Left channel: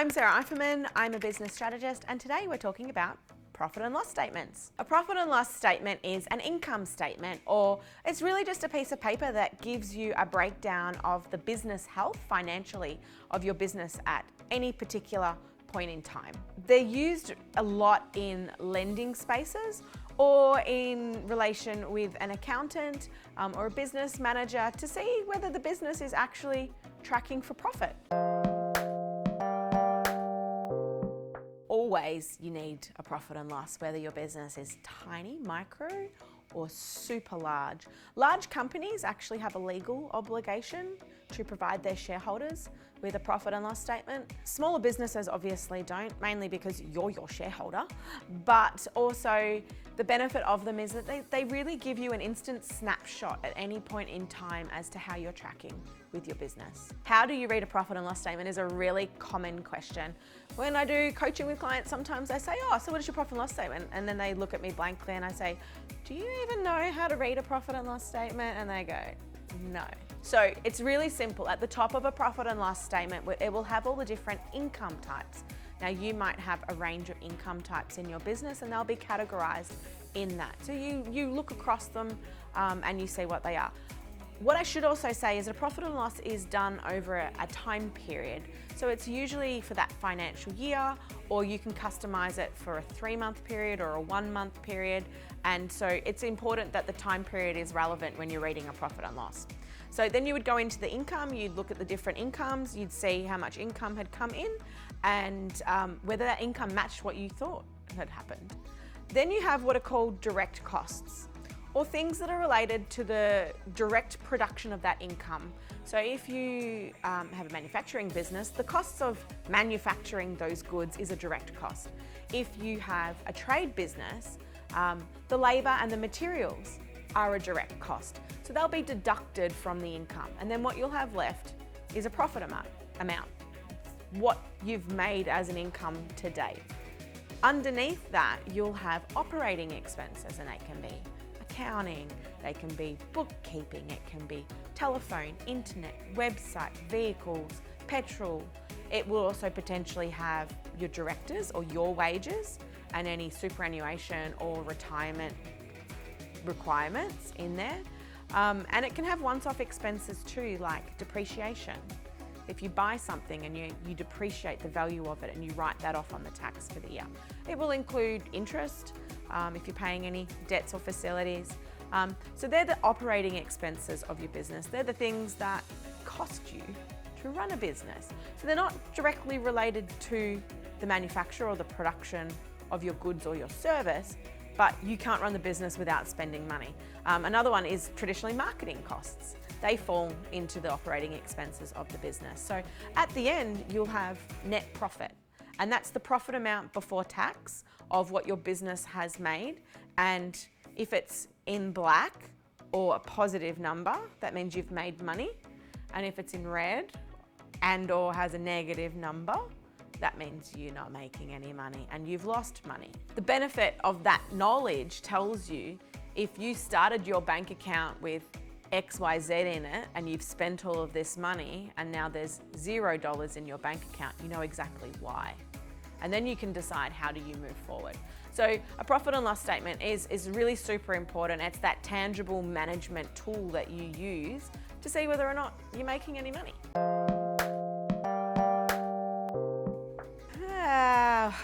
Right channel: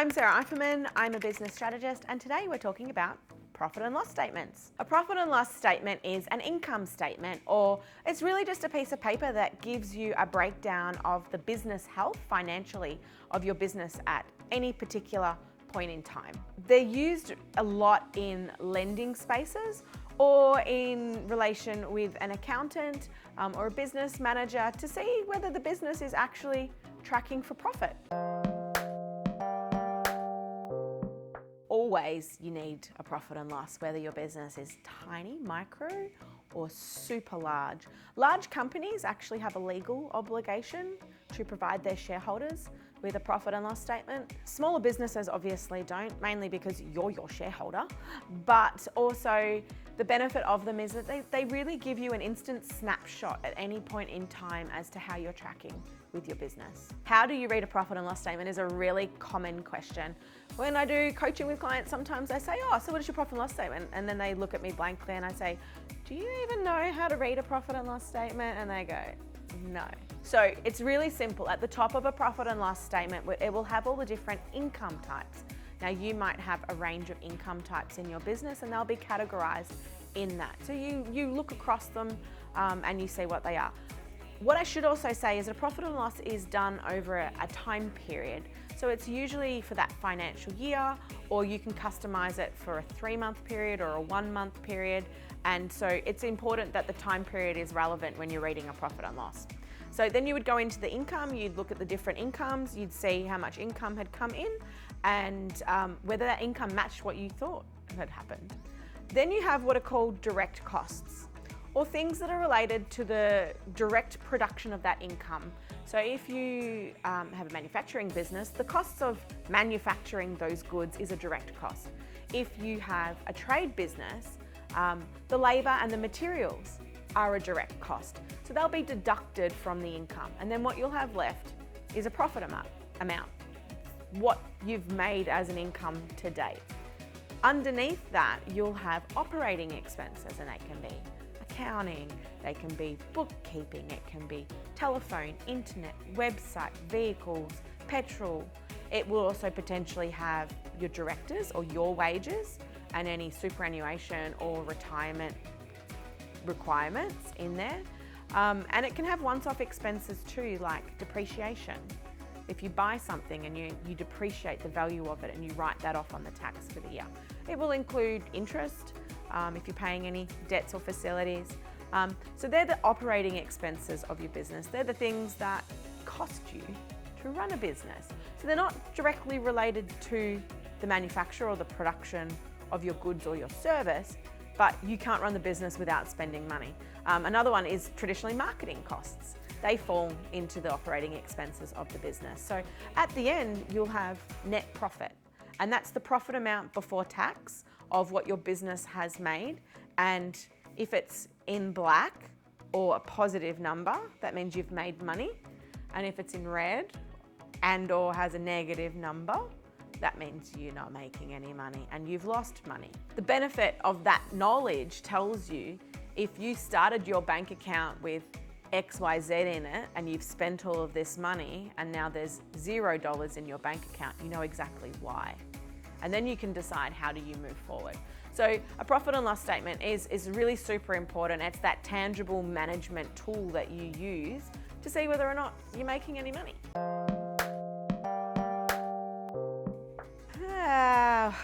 I'm Sarah Eiferman, I'm a business strategist, and today we're talking about profit and loss statements. A profit and loss statement is an income statement, or it's really just a piece of paper that gives you a breakdown of the business health financially of your business at any particular point in time. They're used a lot in lending spaces or in relation with an accountant or a business manager to see whether the business is actually tracking for profit. Always you need a profit and loss, whether your business is tiny, micro, or super large. Large companies actually have a legal obligation to provide their shareholders with a profit and loss statement. Smaller businesses obviously don't, mainly because you're your shareholder, but also the benefit of them is that they really give you an instant snapshot at any point in time as to how you're tracking with your business. How do you read a profit and loss statement is a really common question. When I do coaching with clients, sometimes I say, oh, so what is your profit and loss statement? And then they look at me blankly and I say, do you even know how to read a profit and loss statement? And they go, no. So it's really simple. At the top of a profit and loss statement, it will have all the different income types. Now you might have a range of income types in your business and they'll be categorized in that. So you look across them and you see what they are. What I should also say is that a profit and loss is done over a time period. So it's usually for that financial year, or you can customize it for a 3-month period or a 1-month period. And so it's important that the time period is relevant when you're reading a profit and loss. So then you would go into the income, you'd look at the different incomes, you'd see how much income had come in and whether that income matched what you thought had happened. Then you have what are called direct costs, or things that are related to the direct production of that income. So if you have a manufacturing business, the costs of manufacturing those goods is a direct cost. If you have a trade business, the labor and the materials are a direct cost. So they'll be deducted from the income. And then what you'll have left is a profit amount, what you've made as an income to date. Underneath that, you'll have operating expenses, and they can be accounting, they can be bookkeeping, it can be telephone, internet, website, vehicles, petrol. It will also potentially have your directors or your wages and any superannuation or retirement requirements in there. And it can have once-off expenses too, like depreciation. If you buy something and you depreciate the value of it and you write that off on the tax for the year. It will include interest, if you're paying any debts or facilities. So they're the operating expenses of your business. They're the things that cost you to run a business. So they're not directly related to the manufacture or the production of your goods or your service, but you can't run the business without spending money. Another one is traditionally marketing costs. They fall into the operating expenses of the business. So at the end, you'll have net profit, and that's the profit amount before tax of what your business has made. And if it's in black or a positive number, that means you've made money. And if it's in red and or has a negative number, that means you're not making any money and you've lost money. The benefit of that knowledge tells you if you started your bank account with XYZ in it and you've spent all of this money and now there's $0 in your bank account, you know exactly why. And then you can decide how do you move forward. So a profit and loss statement is really super important. It's that tangible management tool that you use to see whether or not you're making any money.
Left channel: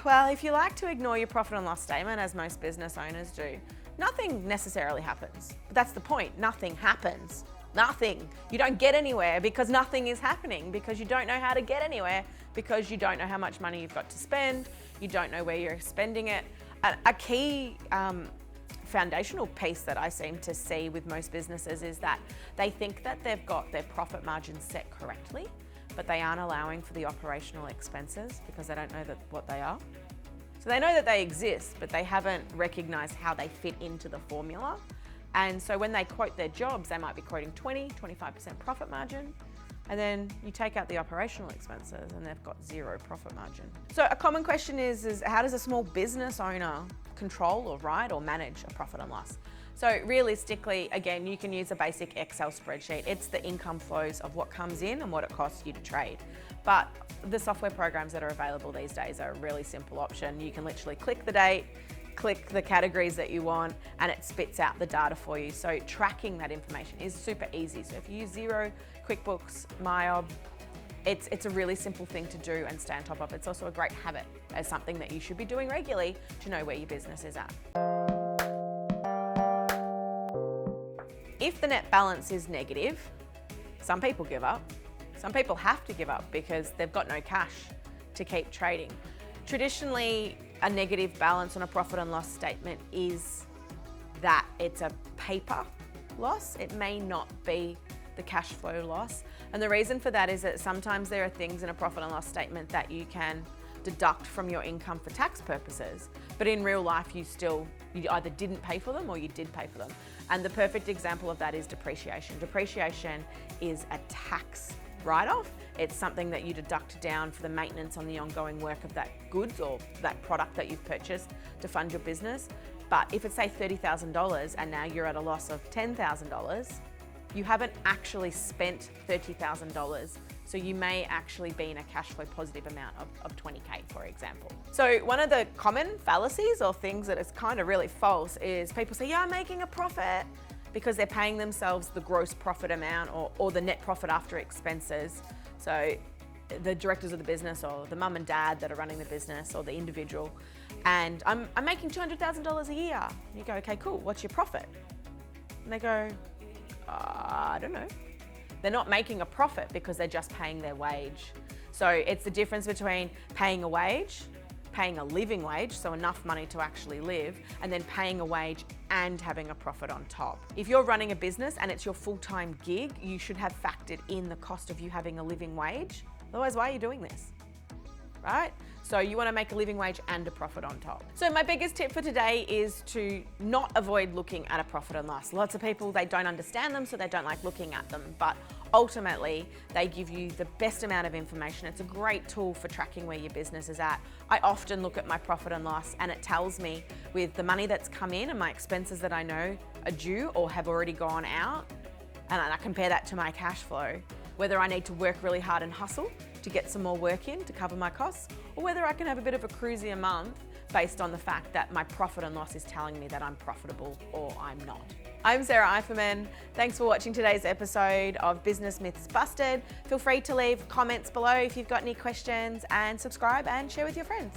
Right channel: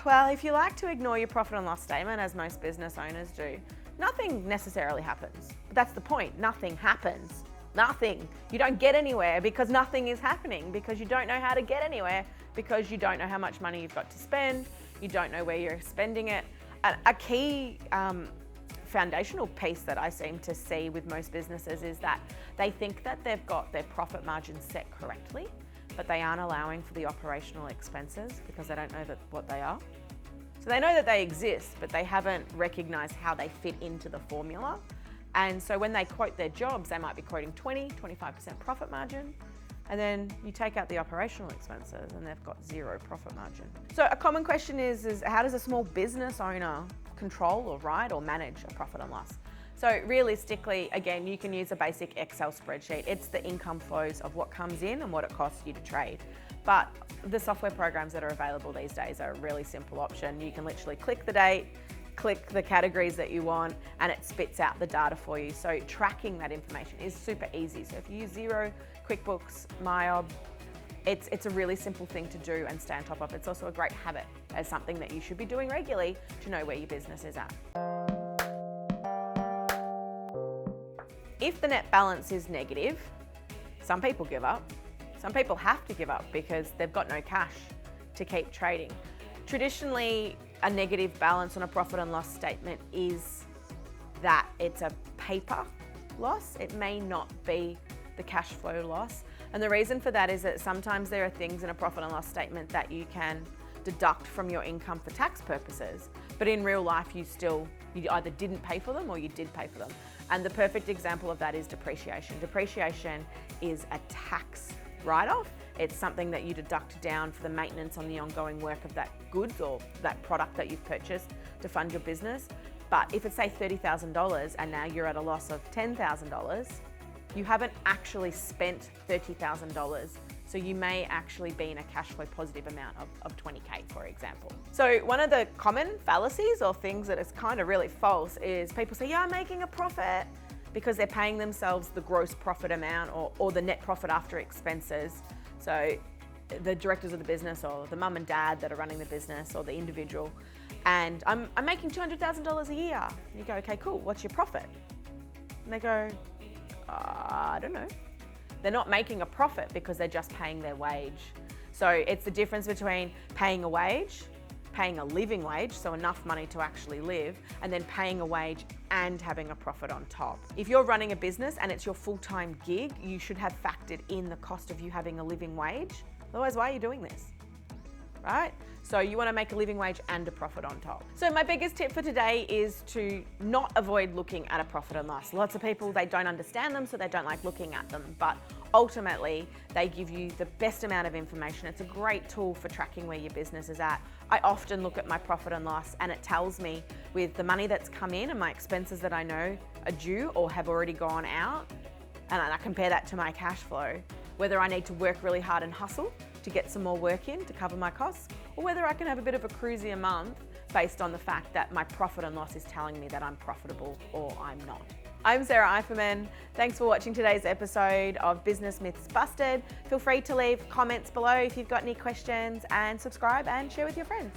Well, if you like to ignore your profit and loss statement, as most business owners do, nothing necessarily happens. But that's the point. Nothing happens. Nothing. You don't get anywhere because nothing is happening, because you don't know how to get anywhere, because you don't know how much money you've got to spend. You don't know where you're spending it. A key foundational piece that I seem to see with most businesses is that they think that they've got their profit margins set correctly, but they aren't allowing for the operational expenses because they don't know what they are. So they know that they exist, but they haven't recognized how they fit into the formula. And so when they quote their jobs, they might be quoting 20, 25% profit margin. And then you take out the operational expenses and they've got 0 profit margin. So a common question is how does a small business owner control or write or manage a profit and loss? So realistically, again, you can use a basic Excel spreadsheet. It's the income flows of what comes in and what it costs you to trade. But the software programs that are available these days are a really simple option. You can literally click the date, click the categories that you want, and it spits out the data for you. So tracking that information is super easy. So if you use Xero, QuickBooks, MyOb, it's a really simple thing to do and stay on top of. It's also a great habit as something that you should be doing regularly to know where your business is at. If the net balance is negative, some people give up. Some people have to give up because they've got no cash to keep trading. Traditionally, a negative balance on a profit and loss statement is that it's a paper loss. It may not be the cash flow loss. And the reason for that is that sometimes there are things in a profit and loss statement that you can deduct from your income for tax purposes, but in real life you either didn't pay for them or you did pay for them. And the perfect example of that is depreciation. Depreciation is a tax write-off. It's something that you deduct down for the maintenance on the ongoing work of that goods or that product that you've purchased to fund your business. But if it's say $30,000 and now you're at a loss of $10,000, you haven't actually spent $30,000. So you may actually be in a cash flow positive amount of 20K, for example. So one of the common fallacies or things that is kind of really false is people say, yeah, I'm making a profit, because they're paying themselves the gross profit amount or the net profit after expenses. So the directors of the business or the mum and dad that are running the business or the individual, and I'm making $200,000 a year. You go, okay, cool, what's your profit? And they go, I don't know. They're not making a profit because they're just paying their wage. So it's the difference between paying a wage, paying a living wage, so enough money to actually live, and then paying a wage and having a profit on top. If you're running a business and it's your full-time gig, you should have factored in the cost of you having a living wage. Otherwise, why are you doing this? Right? So you want to make a living wage and a profit on top. So my biggest tip for today is to not avoid looking at a profit and loss. Lots of people, they don't understand them, so they don't like looking at them. But ultimately, they give you the best amount of information. It's a great tool for tracking where your business is at. I often look at my profit and loss and it tells me with the money that's come in and my expenses that I know are due or have already gone out, and I compare that to my cash flow, whether I need to work really hard and hustle to get some more work in to cover my costs, or whether I can have a bit of a cruisier month based on the fact that my profit and loss is telling me that I'm profitable or I'm not. I'm Sarah Eiferman. Thanks for watching today's episode of Business Myths Busted. Feel free to leave comments below if you've got any questions, and subscribe and share with your friends.